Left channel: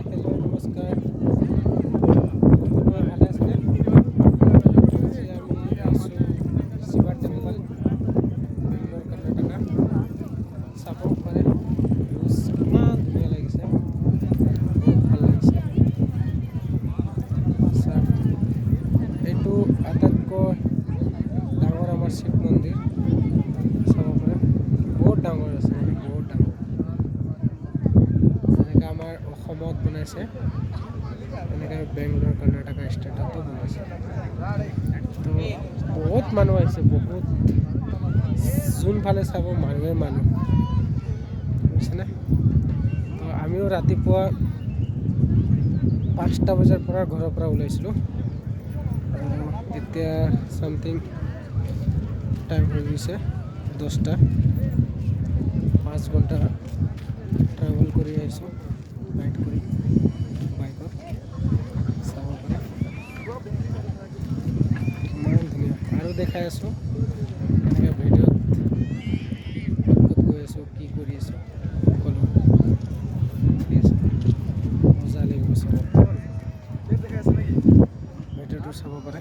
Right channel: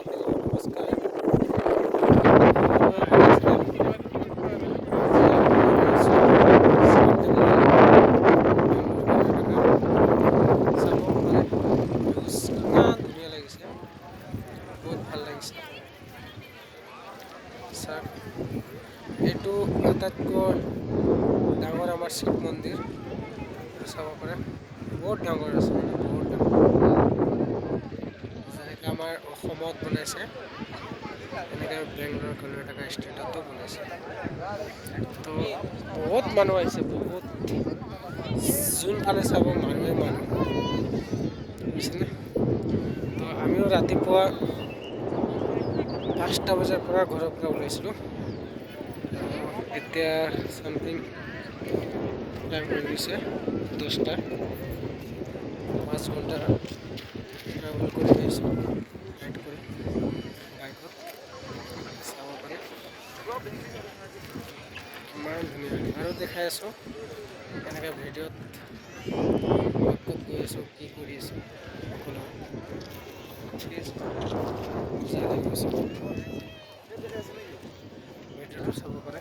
Hello नमस्कार। ধুনীয়া লাগিছে, বহুত ভাল লাগিছে। চাওক, এইটো আটাইতকৈ ডাঙৰ আমাৰ শিৱ মন্দিৰ চাব পাৰে। বহুত ডাঙৰ আছে, মানে বহুত ডাঙৰ, যেনেকৈ আমাৰ অসমত বনাইছে এনেকৈ বেংগলোৰ কৰ্ণাটকা ষ্টেটতো বনাইছে। তো বহুত মানুহ আহিছে, বহুত, যোনফালে চাব মানুহে মানুহ, বুজিছেনে? তো আমিও ৰাতিপুৱা 5টা বজাৰ পৰা ঘৰৰ পৰা ওলাইছিলোঁ। এতিয়া চামথিং টাইম হৈ গৈছে 10টা। 5 ঘণ্টা ট্ৰেভেল কৰি আহিছোঁ, ৰাইড কৰি বাইকত। চাব পাৰে কিমান ধুনীয়া, আৰু দেখাই আছোঁ এনেকৈ ভিডিঅ'ত ক'ত গৈ আছোঁ, কি কৰি আছোঁ, সকলো ঠিক আছে। মজা লাগিব চাব, ভিডিঅ'টো চাব পাৰে।